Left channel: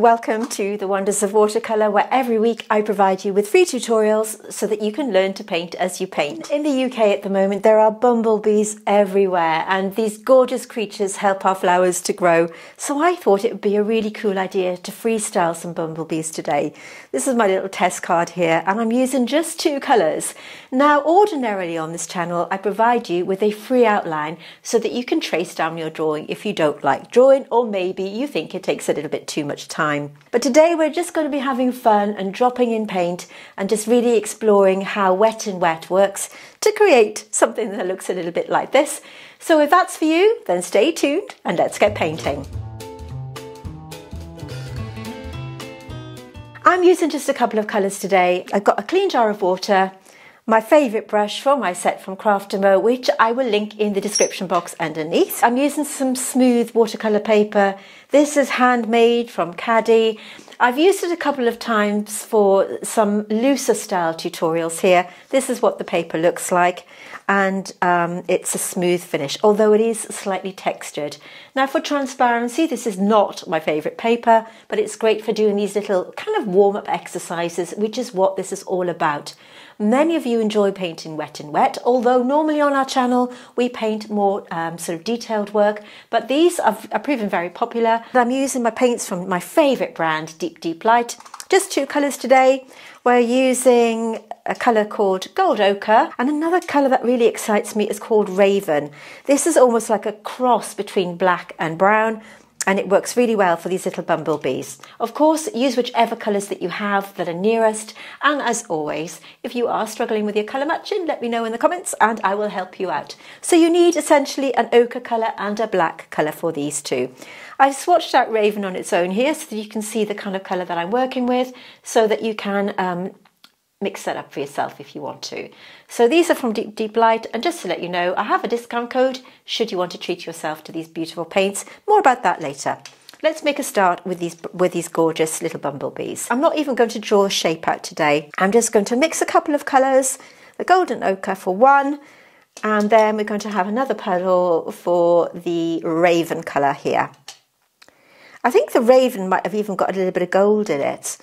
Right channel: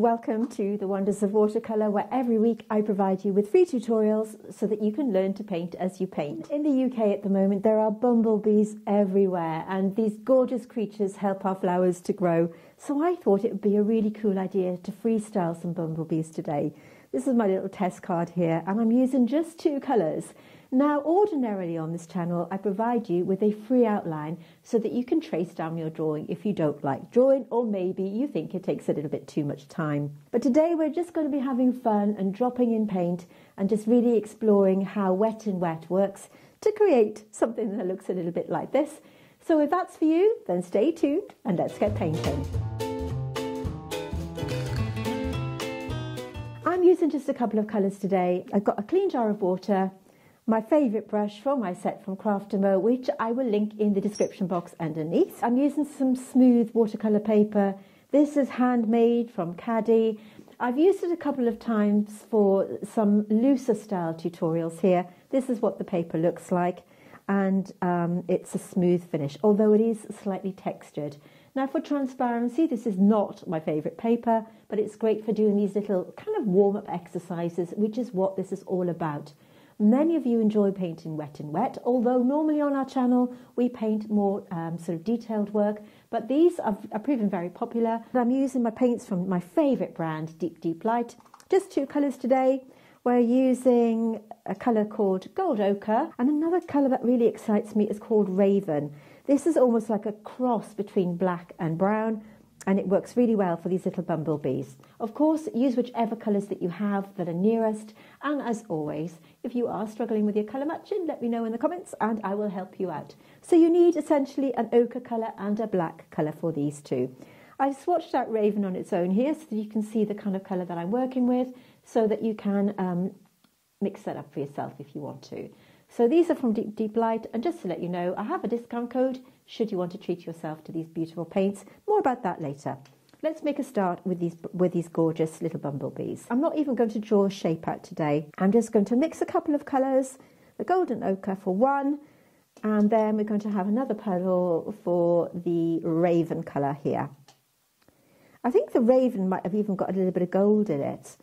Welcome to the Wonders of Watercolour, where every week I provide you with free tutorials so that you can learn to paint as you paint. In the UK at the moment there are bumblebees everywhere, and these gorgeous creatures help our flowers to grow. So I thought it would be a really cool idea to freestyle some bumblebees today. This is my little test card here, and I'm using just 2 colours. Now ordinarily on this channel I provide you with a free outline so that you can trace down your drawing if you don't like drawing, or maybe you think it takes a little bit too much time. But today we're just going to be having fun and dropping in paint and just really exploring how wet and wet works to create something that looks a little bit like this. So if that's for you, then stay tuned and let's get painting. I'm using just a couple of colours today. I've got a clean jar of water, my favourite brush for my set from Craft & Mo, which I will link in the description box underneath. I'm using some smooth watercolour paper. This is handmade from Caddy. I've used it a couple of times for some looser style tutorials here. This is what the paper looks like, and it's a smooth finish, although it is slightly textured. Now for transparency, this is not my favourite paper, but it's great for doing these little kind of warm-up exercises, which is what this is all about. Many of you enjoy painting wet and wet, although normally on our channel we paint more sort of detailed work, but these are proven very popular. I'm using my paints from my favourite brand, Deep Light. Just 2 colours today. We're using a colour called Gold Ochre, and another colour that really excites me is called Raven. This is almost like a cross between black and brown, and it works really well for these little bumblebees. Of course, use whichever colours that you have that are nearest, and as always, if you are struggling with your colour matching, let me know in the comments and I will help you out. So you need essentially an ochre colour and a black colour for these 2. I've swatched out Raven on its own here so that you can see the kind of colour that I'm working with, so that you can mix that up for yourself if you want to. So these are from Deep Light, and just to let you know, I have a discount code should you want to treat yourself to these beautiful paints. More about that later. Let's make a start with these gorgeous little bumblebees. I'm not even going to draw a shape out today. I'm just going to mix a couple of colours, the golden ochre for one, and then we're going to have another petal for the raven colour here. I think the raven might have even got a little bit of gold in it.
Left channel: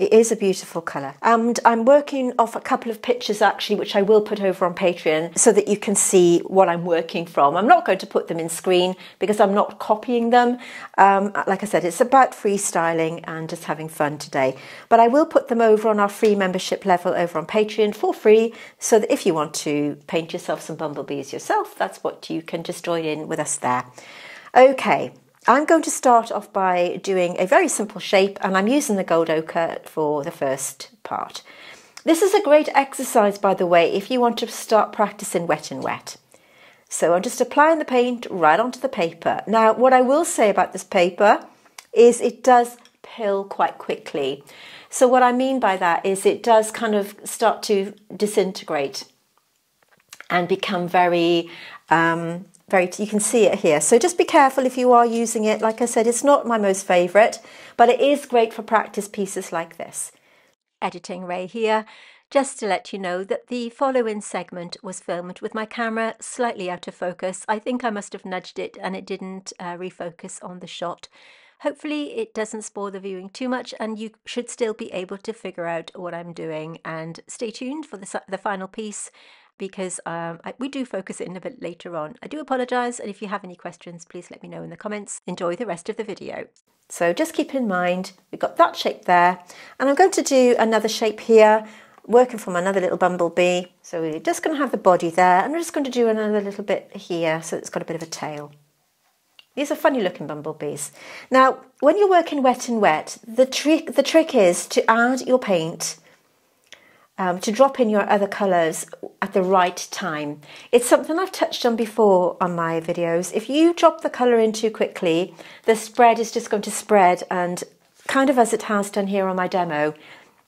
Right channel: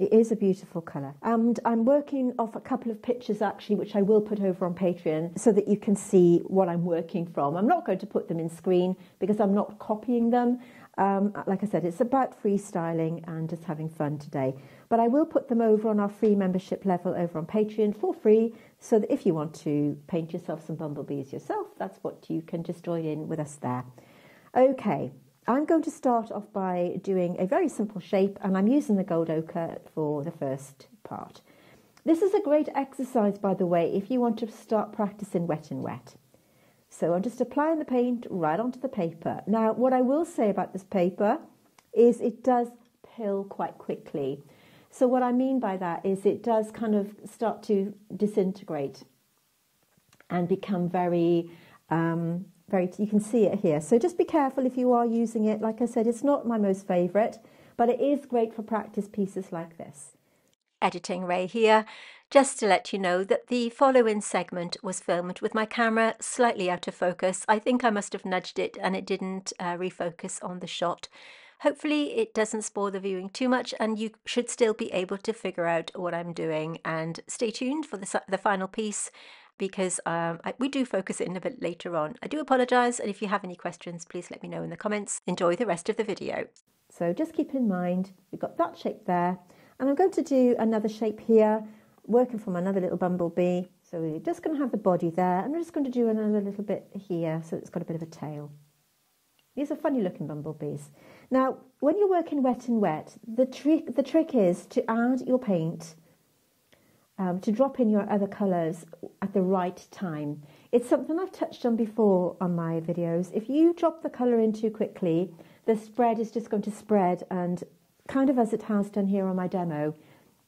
It is a beautiful colour, and I'm working off a couple of pictures actually, which I will put over on Patreon so that you can see what I'm working from. I'm not going to put them in screen because I'm not copying them. Like I said, it's about freestyling and just having fun today. But I will put them over on our free membership level over on Patreon for free, so that if you want to paint yourself some bumblebees yourself, that's what you can just join in with us there. Okay. I'm going to start off by doing a very simple shape, and I'm using the gold ochre for the first part. This is a great exercise, by the way, if you want to start practicing wet and wet. So I'm just applying the paint right onto the paper. Now, what I will say about this paper is it does pill quite quickly. So what I mean by that is it does kind of start to disintegrate and become very you can see it here. So just be careful if you are using it. Like I said, it's not my most favourite, but it is great for practice pieces like this. Editing Ray here. Just to let you know that the follow-in segment was filmed with my camera slightly out of focus. I think I must have nudged it and it didn't refocus on the shot. Hopefully it doesn't spoil the viewing too much, and you should still be able to figure out what I'm doing. And stay tuned for the final piece, because we do focus in a bit later on. I do apologise, and if you have any questions, please let me know in the comments. Enjoy the rest of the video. So just keep in mind, we've got that shape there, and I'm going to do another shape here, working from another little bumblebee. So we're just going to have the body there, and we're just going to do another little bit here, so it's got a bit of a tail. These are funny looking bumblebees. Now, when you're working wet and wet, the trick is to add your paint, to drop in your other colours at the right time. It's something I've touched on before on my videos. If you drop the colour in too quickly, the spread is just going to spread, and kind of as it has done here on my demo,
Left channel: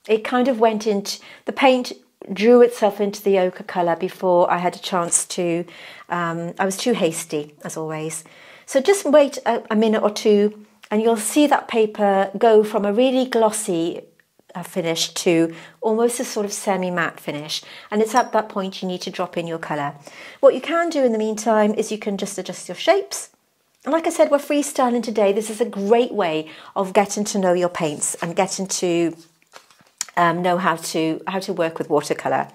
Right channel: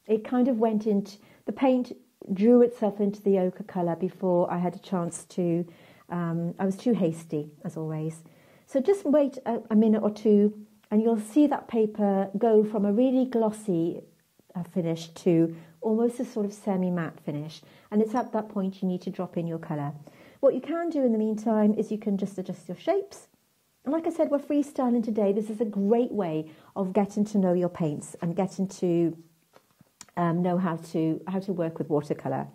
it kind of went into, the paint drew itself into the ochre colour before I had a chance to, I was too hasty as always. So just wait a minute or two and you'll see that paper go from a really glossy finish to almost a sort of semi-matte finish, and it's at that point you need to drop in your colour. What you can do in the meantime is you can just adjust your shapes And like I said, we're freestyling today. This is a great way of getting to know your paints and getting to know how to work with watercolour.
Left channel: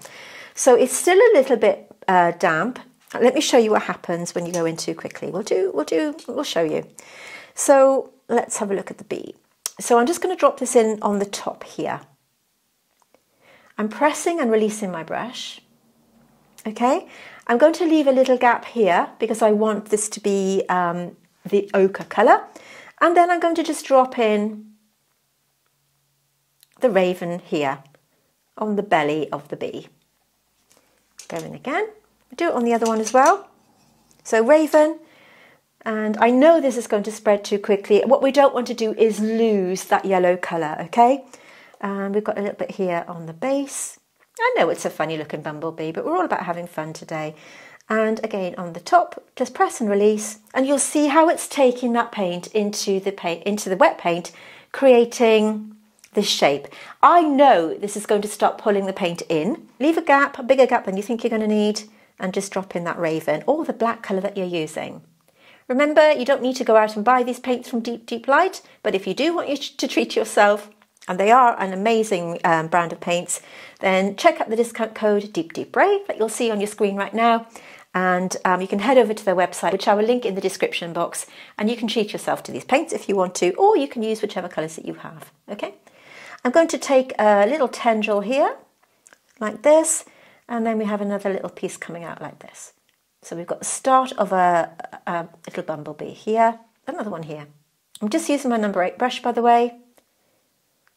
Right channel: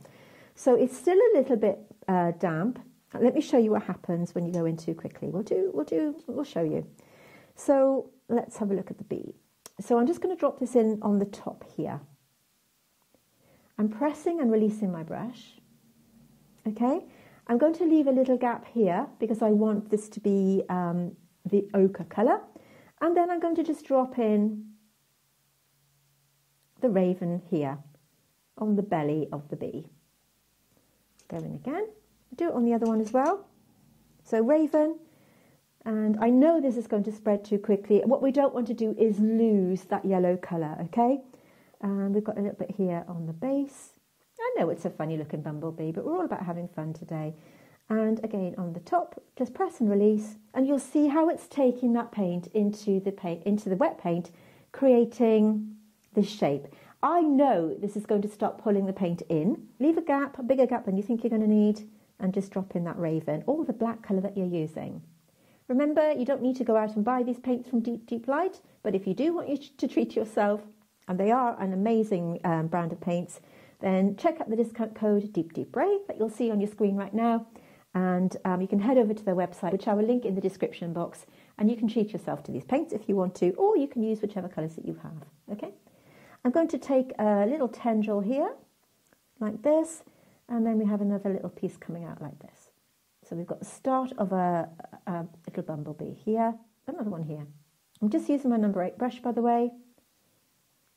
So it's still a little bit damp. Let me show you what happens when you go in too quickly. We'll show you. So let's have a look at the bee. So I'm just going to drop this in on the top here. I'm pressing and releasing my brush. Okay, I'm going to leave a little gap here because I want this to be the ochre colour. And then I'm going to just drop in the raven here on the belly of the bee. Go in again. Do it on the other one as well. So raven, and I know this is going to spread too quickly. What we don't want to do is lose that yellow colour, okay? And we've got a little bit here on the base. I know it's a funny looking bumblebee, but we're all about having fun today. And again on the top, just press and release, and you'll see how it's taking that paint into the wet paint, creating this shape. I know this is going to start pulling the paint in. Leave a gap, a bigger gap than you think you're going to need, and just drop in that raven or the black colour that you're using. Remember, you don't need to go out and buy these paints from Deep Light, but if you do want you to treat yourself, and they are an amazing brand of paints, then check out the discount code DeepBrave that you'll see on your screen right now. And you can head over to their website, which I will link in the description box, and you can treat yourself to these paints if you want to, or you can use whichever colours that you have, okay? I'm going to take a little tendril here, like this, and then we have another little piece coming out like this. So we've got the start of a little bumblebee here, another one here. I'm just using my number 8 brush, by the way.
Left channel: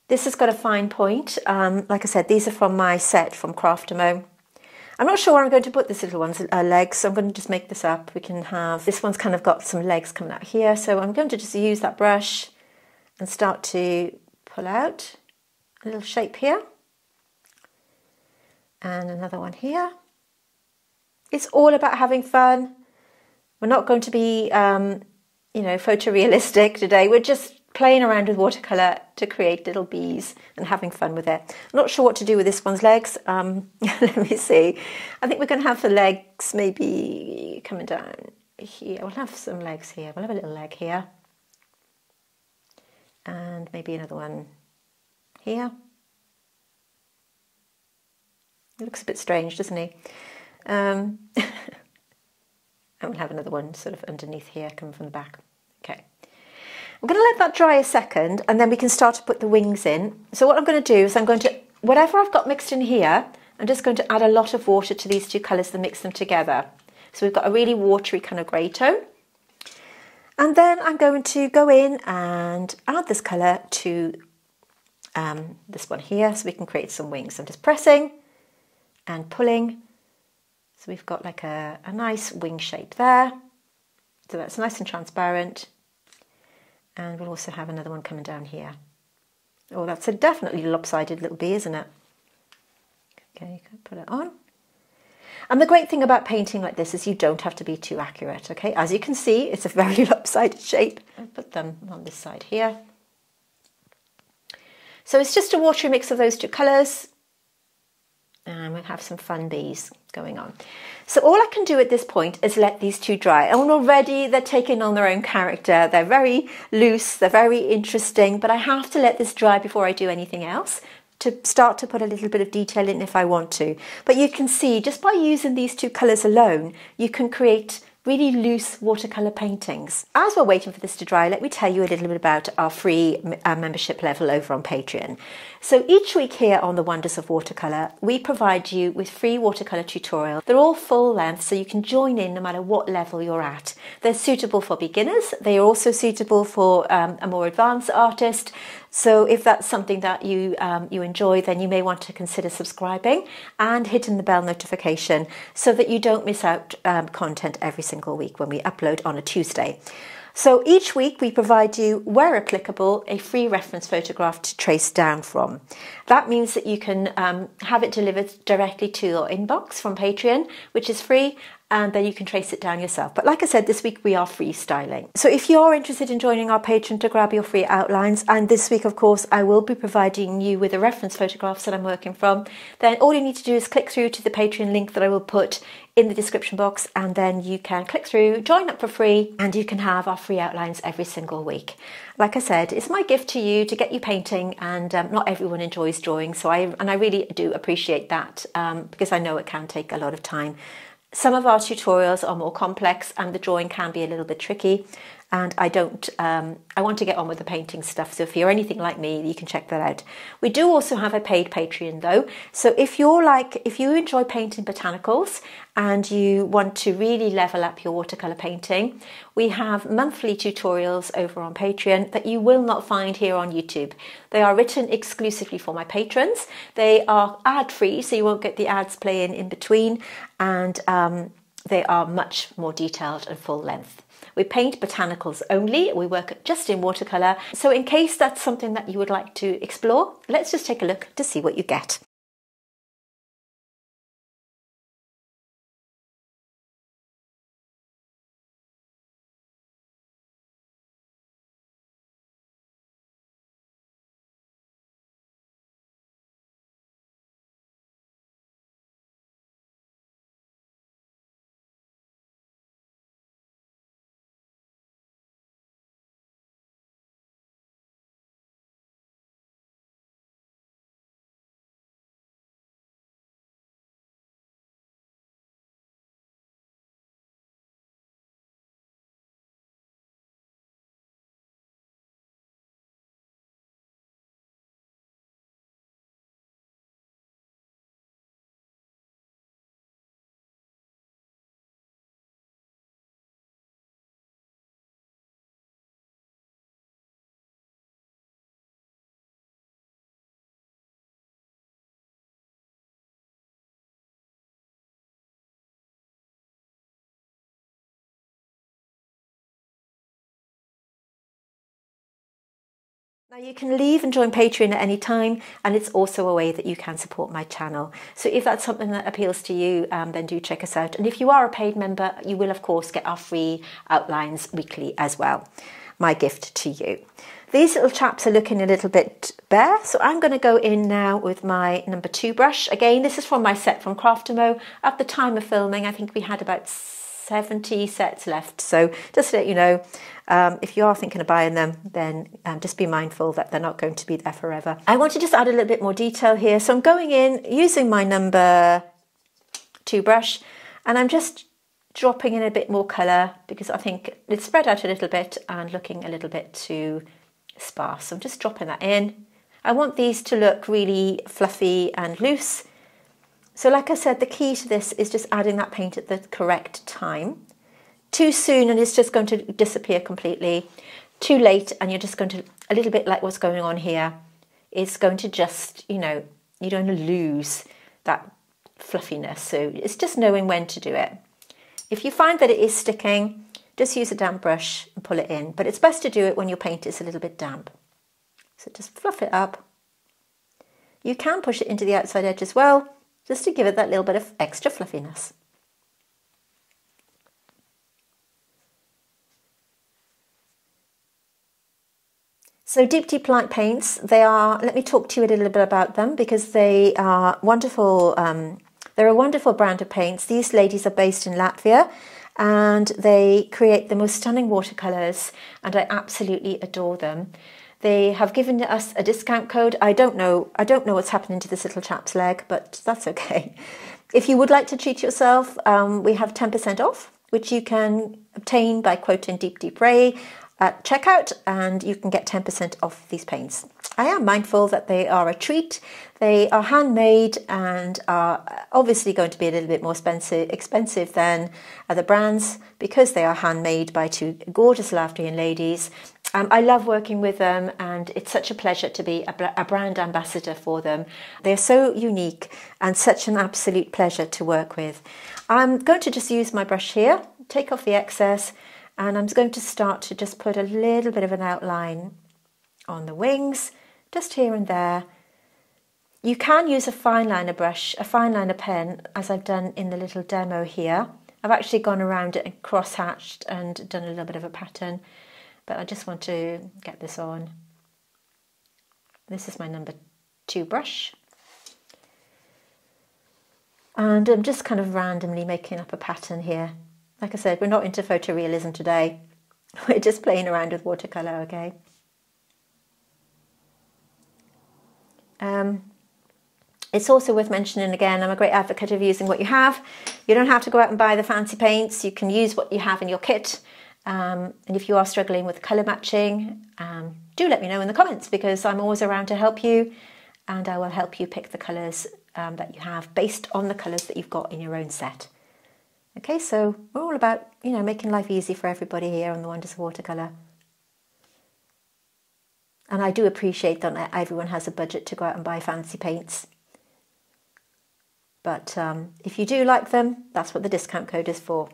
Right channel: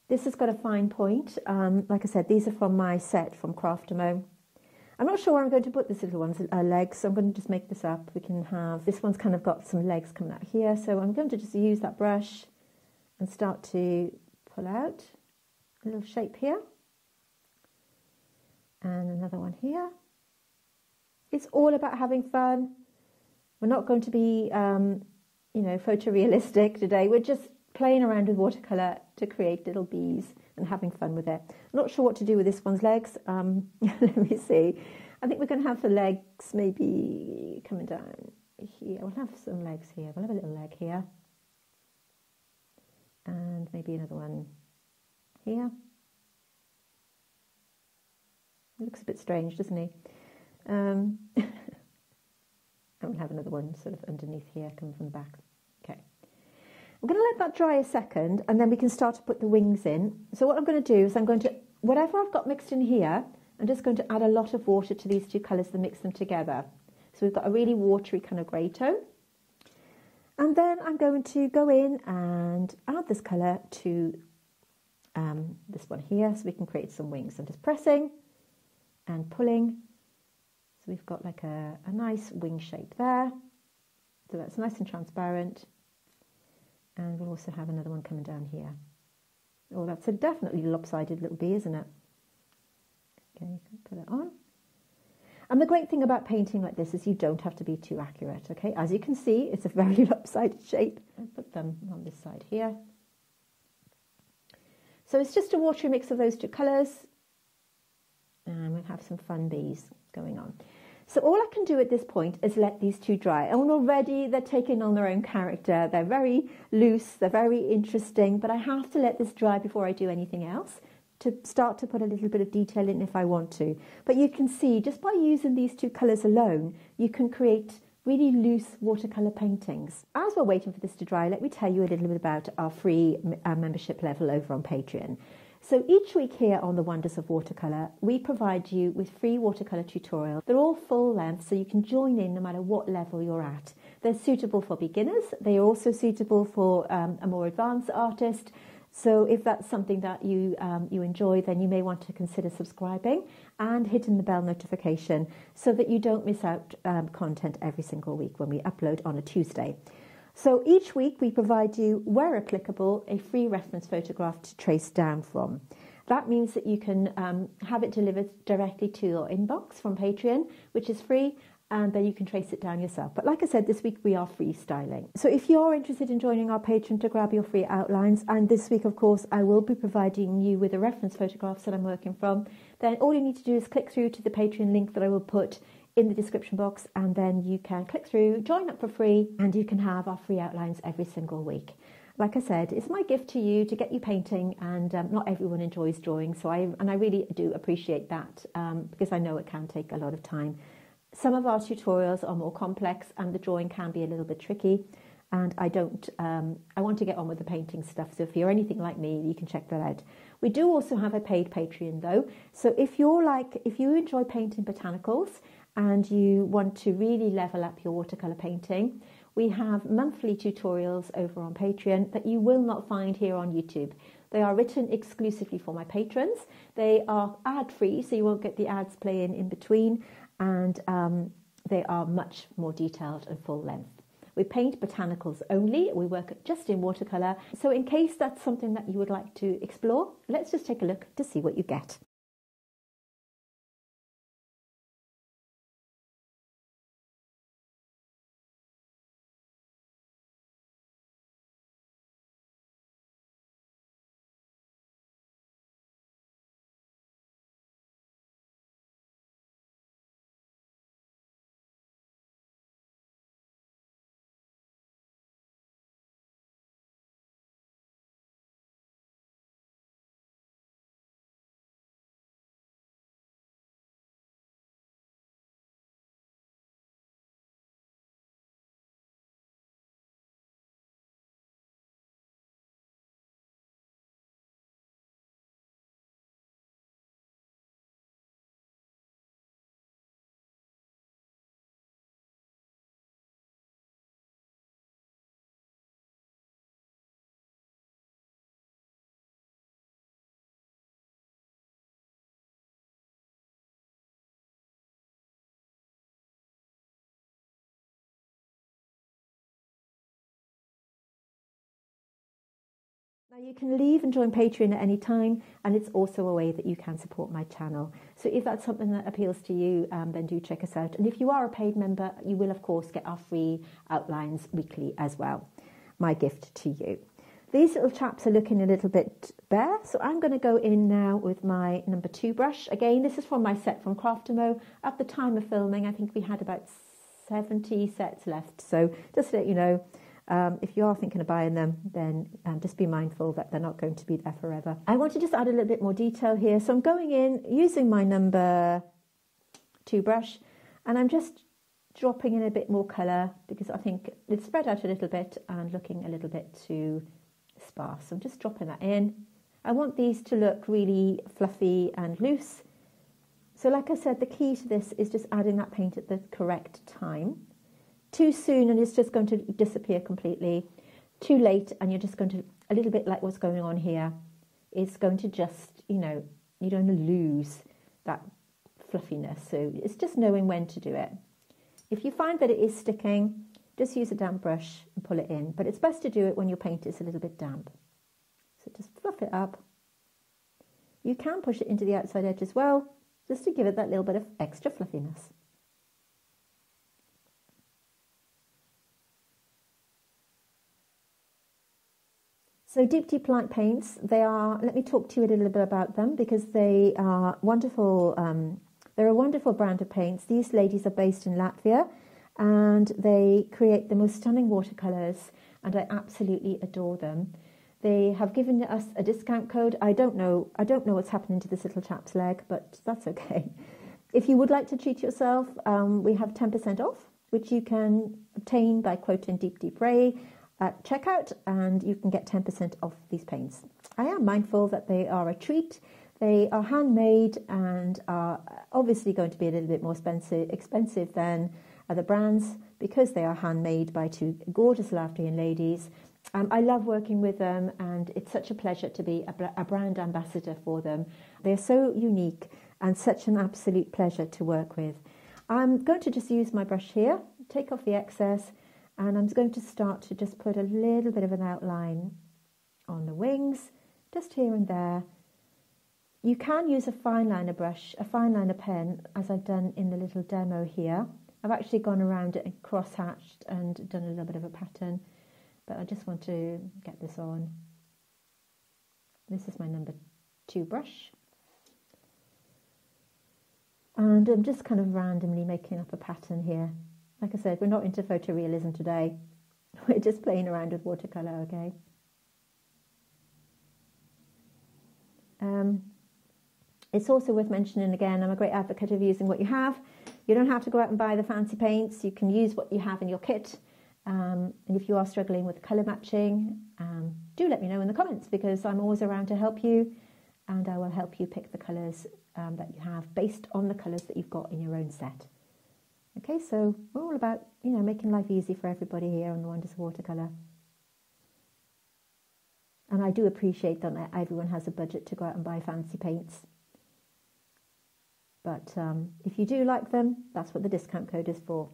This has got a fine point. Like I said, these are from my set from Craftamo. I'm not sure where I'm going to put this little one's legs, so I'm going to just make this up. We can have, this one's kind of got some legs coming out here, so I'm going to just use that brush and start to pull out a little shape here. And another one here. It's all about having fun. We're not going to be, you know, photorealistic today. We're just playing around with watercolour to create little bees and having fun with it. I'm not sure what to do with this one's legs. Let me see. I think we're going to have the legs maybe coming down here. We'll have some legs here. We'll have a little leg here. And maybe another one here. He looks a bit strange, doesn't he? And we'll have another one sort of underneath here, coming from the back. Okay. I'm going to let that dry a second, and then we can start to put the wings in. So what I'm going to do is I'm going to, whatever I've got mixed in here, I'm just going to add a lot of water to these two colours and mix them together. So we've got a really watery kind of grey tone. And then I'm going to go in and add this colour to this one here, so we can create some wings. I'm just pressing and pulling. So we've got like a nice wing shape there. So that's nice and transparent. And we'll also have another one coming down here. Oh, that's a definitely lopsided little bee, isn't it? Okay, you can put it on. And the great thing about painting like this is you don't have to be too accurate, okay? As you can see, it's a very lopsided shape. I'll put them on this side here. So it's just a watery mix of those two colours. And we'll have some fun bees going on. So all I can do at this point is let these two dry. And already they're taking on their own character. They're very loose, they're very interesting, but I have to let this dry before I do anything else to start to put a little bit of detail in if I want to. But you can see just by using these two colours alone, you can create really loose watercolour paintings. As we're waiting for this to dry, let me tell you a little bit about our free membership level over on Patreon. So each week here on the Wonders of Watercolour, we provide you with free watercolour tutorials. They're all full length, so you can join in no matter what level you're at. They're suitable for beginners. They are also suitable for a more advanced artist. So if that's something that you enjoy, then you may want to consider subscribing and hitting the bell notification so that you don't miss out content every single week when we upload on a Tuesday. So each week we provide you, where applicable, a free reference photograph to trace down from. That means that you can have it delivered directly to your inbox from Patreon, which is free, and then you can trace it down yourself. But like I said, this week we are freestyling. So if you're interested in joining our Patreon to grab your free outlines, and this week, of course, I will be providing you with the reference photographs that I'm working from, then all you need to do is click through to the Patreon link that I will put in the description box, and then you can click through, join up for free, and you can have our free outlines every single week. Like I said, it's my gift to you to get you painting, and not everyone enjoys drawing, so I really do appreciate that, because I know it can take a lot of time. Some of our tutorials are more complex and the drawing can be a little bit tricky, and I want to get on with the painting stuff. So if you're anything like me, you can check that out. We do also have a paid Patreon though. So if you enjoy painting botanicals and you want to really level up your watercolor painting, we have monthly tutorials over on Patreon that you will not find here on YouTube. They are written exclusively for my patrons. They are ad-free, so you won't get the ads playing in between, and they are much more detailed and full length. We paint botanicals only. We work just in watercolour. So in case that's something that you would like to explore, let's just take a look to see what you get. Now you can leave and join Patreon at any time, and it's also a way that you can support my channel. So if that's something that appeals to you, then do check us out. And if you are a paid member, you will of course get our free outlines weekly as well. My gift to you. These little chaps are looking a little bit bare, so I'm going to go in now with my number 2 brush. Again, this is from my set from Craftamo. At the time of filming, I think we had about 70 sets left. So just to let you know, if you are thinking of buying them, then just be mindful that they're not going to be there forever. I want to just add a little bit more detail here. So I'm going in using my number 2 brush, and I'm just dropping in a bit more colour because I think it's spread out a little bit and looking a little bit too sparse. So I'm just dropping that in. I want these to look really fluffy and loose. So like I said, the key to this is just adding that paint at the correct time. Too soon and it's just going to disappear completely. Too late and you're just going to, a little bit like what's going on here, it's going to just, you know, you're going to lose that fluffiness. So it's just knowing when to do it. If you find that it is sticking, just use a damp brush and pull it in. But it's best to do it when your paint is a little bit damp. So just fluff it up. You can push it into the outside edge as well, just to give it that little bit of extra fluffiness. So Deep Light paints, they are, let me talk to you a little bit about them because they are wonderful. They're a wonderful brand of paints. These ladies are based in Latvia and they create the most stunning watercolours, and I absolutely adore them. They have given us a discount code. I don't know what's happening to this little chap's leg, but that's okay. If you would like to treat yourself, we have 10% off, which you can obtain by quoting Deep Ray at checkout, and you can get 10% off these paints. I am mindful that they are a treat. They are handmade and are obviously going to be a little bit more expensive than other brands because they are handmade by 2 gorgeous Latvian ladies. I love working with them, and it's such a pleasure to be a brand ambassador for them. They're so unique and such an absolute pleasure to work with. I'm going to just use my brush here, take off the excess, and I'm going to start to just put a little bit of an outline on the wings, just here and there. You can use a fine liner brush, a fine liner pen, as I've done in the little demo here, I've actually gone around it and cross-hatched and done a little bit of a pattern, but I just want to get this on. This is my number 2 brush. And I'm just kind of randomly making up a pattern here. Like I said, we're not into photorealism today. We're just playing around with watercolour, okay? It's also worth mentioning again, I'm a great advocate of using what you have. You don't have to go out and buy the fancy paints. You can use what you have in your kit. And if you are struggling with colour matching, do let me know in the comments, because I'm always around to help you, and I will help you pick the colours that you have based on the colours that you've got in your own set. Okay, so we're all about, you know, making life easy for everybody here on the Wonders of Watercolour. And I do appreciate that not everyone has a budget to go out and buy fancy paints. But if you do like them, that's what the discount code is for.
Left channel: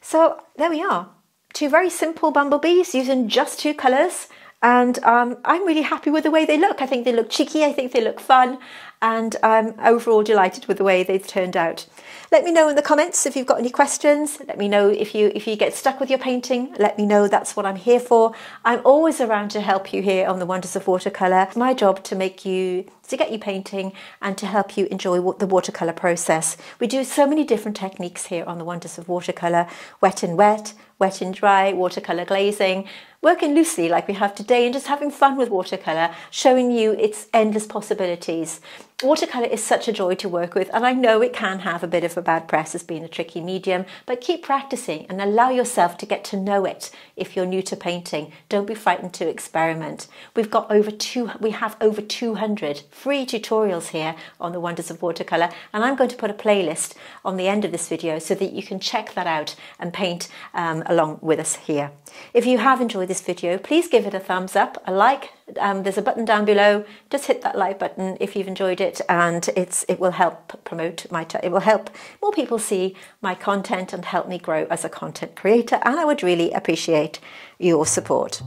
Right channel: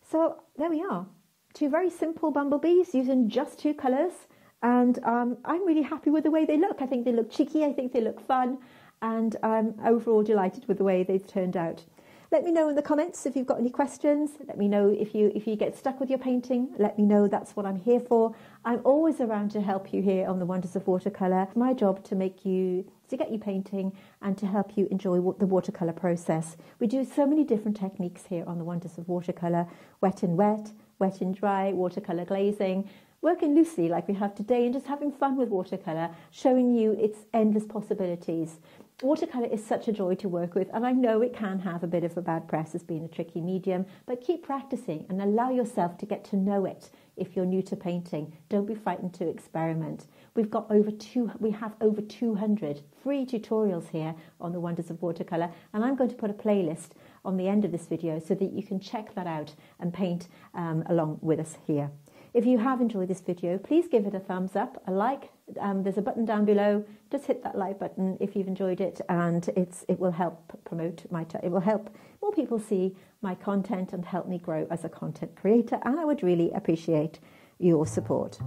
So there we are. 2 very simple bumblebees using just 2 colours. And I'm really happy with the way they look. I think they look cheeky, I think they look fun, and I'm overall delighted with the way they've turned out. Let me know in the comments if you've got any questions. Let me know if you get stuck with your painting. Let me know, that's what I'm here for. I'm always around to help you here on the Wonders of Watercolour. It's my job to get you painting and to help you enjoy the watercolour process. We do so many different techniques here on the Wonders of Watercolour: wet and wet, wet and dry, watercolour glazing, working loosely like we have today, and just having fun with watercolour, showing you its endless possibilities. Watercolour is such a joy to work with, and I know it can have a bit of a bad press as being a tricky medium, but keep practicing and allow yourself to get to know it. If you're new to painting, don't be frightened to experiment. We have over 200 free tutorials here on the Wonders of Watercolour, and I'm going to put a playlist on the end of this video so that you can check that out and paint along with us here. If you have enjoyed this video, please give it a thumbs up, a like. There's a button down below. Just hit that like button if you've enjoyed it, and it will help promote it will help more people see my content and help me grow as a content creator, and I would really appreciate your support.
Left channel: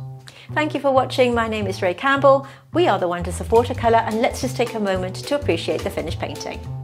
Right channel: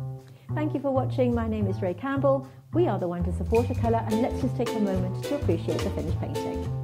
Thank you for watching. My name is Ray Campbell. We are the Wonders of Watercolour, and let's just take a moment to appreciate the finished painting.